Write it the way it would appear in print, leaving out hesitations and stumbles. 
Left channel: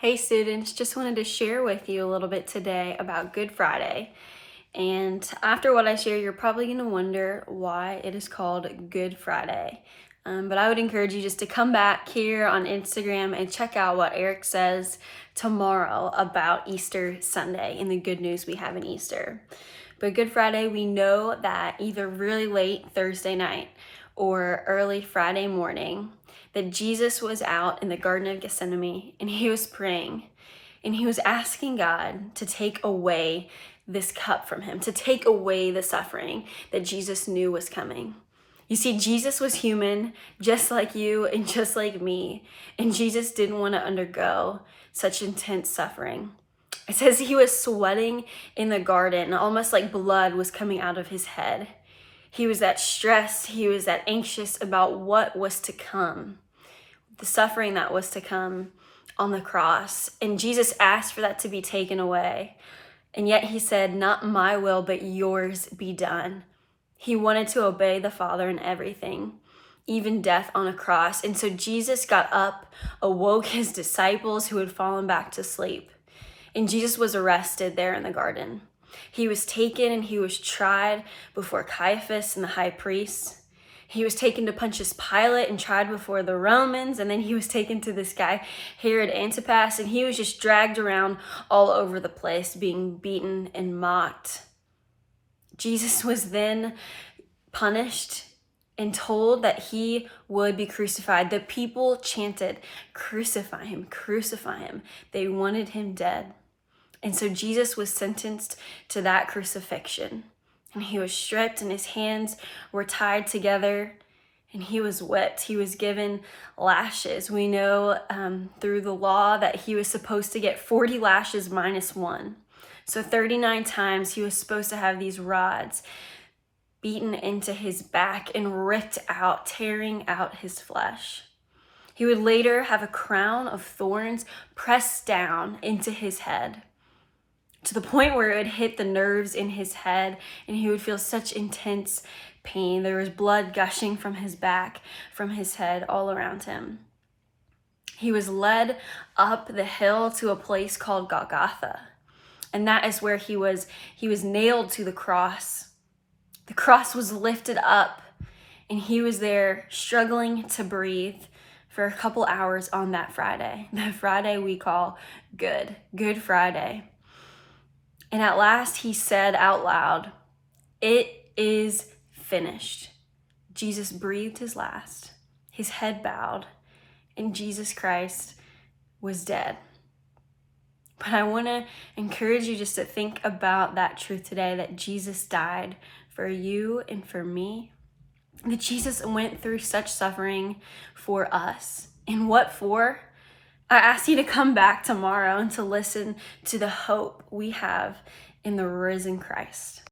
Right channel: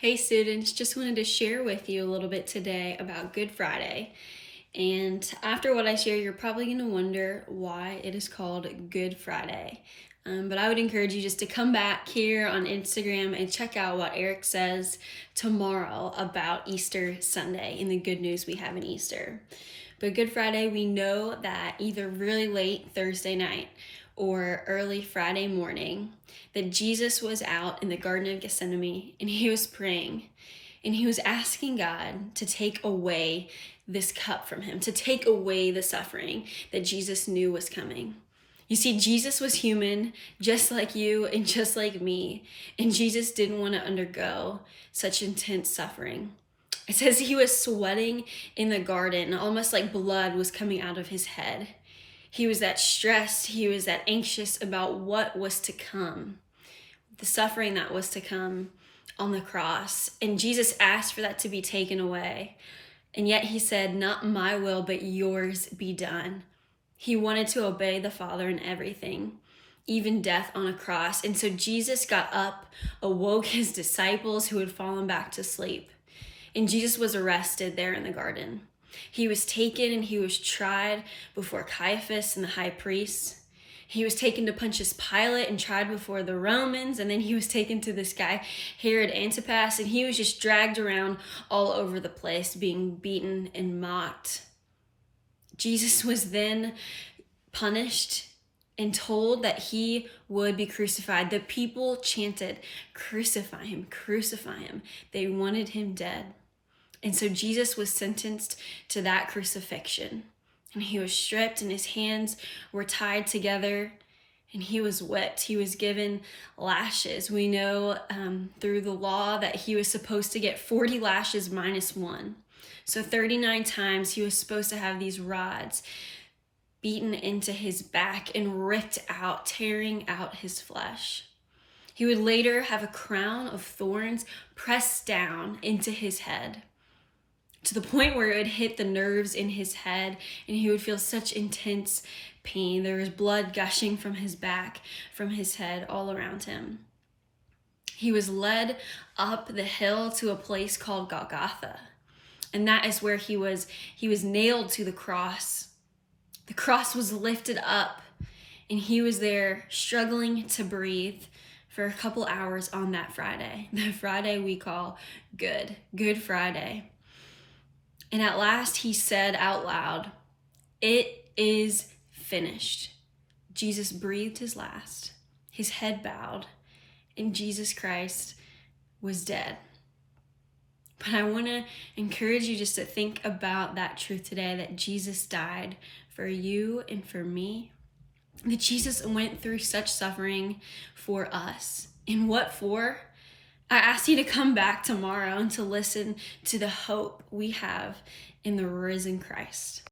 Hey students, just wanted to share with you a little bit today about Good Friday. And after what I share, you're probably going to wonder why it is called Good Friday. But I would encourage you just to come back here on Instagram and check out what Eric says tomorrow about Easter Sunday and the good news we have in Easter. But Good Friday, we know that either really late Thursday night or early Friday morning, that Jesus was out in the Garden of Gethsemane and he was praying and he was asking God to take away this cup from him, to take away the suffering that Jesus knew was coming. You see, Jesus was human, just like you and just like me, and Jesus didn't want to undergo such intense suffering. It says he was sweating in the garden, almost like blood was coming out of his head. He was that stressed, he was that anxious about what was to come, the suffering that was to come on the cross. And Jesus asked for that to be taken away. And yet he said, "Not my will, but yours be done." He wanted to obey the Father in everything, even death on a cross. And so Jesus got up, awoke his disciples who had fallen back to sleep. And Jesus was arrested there in the garden. He was taken and he was tried before Caiaphas and the high priests. He was taken to Pontius Pilate and tried before the Romans. And then he was taken to this guy, Herod Antipas, and he was just dragged around all over the place, being beaten and mocked. Jesus was then punished and told that he would be crucified. The people chanted, "Crucify him, crucify him." They wanted him dead. And so Jesus was sentenced to that crucifixion. And he was stripped and his hands were tied together and he was whipped. He was given lashes. We know through the law that he was supposed to get 40 lashes minus one. So 39 times he was supposed to have these rods beaten into his back and ripped out, tearing out his flesh. He would later have a crown of thorns pressed down into his head, to the point where it hit the nerves in his head and he would feel such intense pain. There was blood gushing from his back, from his head, all around him. He was led up the hill to a place called Golgotha. And that is where he was nailed to the cross. The cross was lifted up and he was there struggling to breathe for a couple hours on that Friday. The Friday we call Good Friday. And at last he said out loud, "It is finished." Jesus breathed his last, his head bowed, and Jesus Christ was dead. But I want to encourage you just to think about that truth today, that Jesus died for you and for me, that Jesus went through such suffering for us. And what for? I ask you to come back tomorrow and to listen to the hope we have in the risen Christ.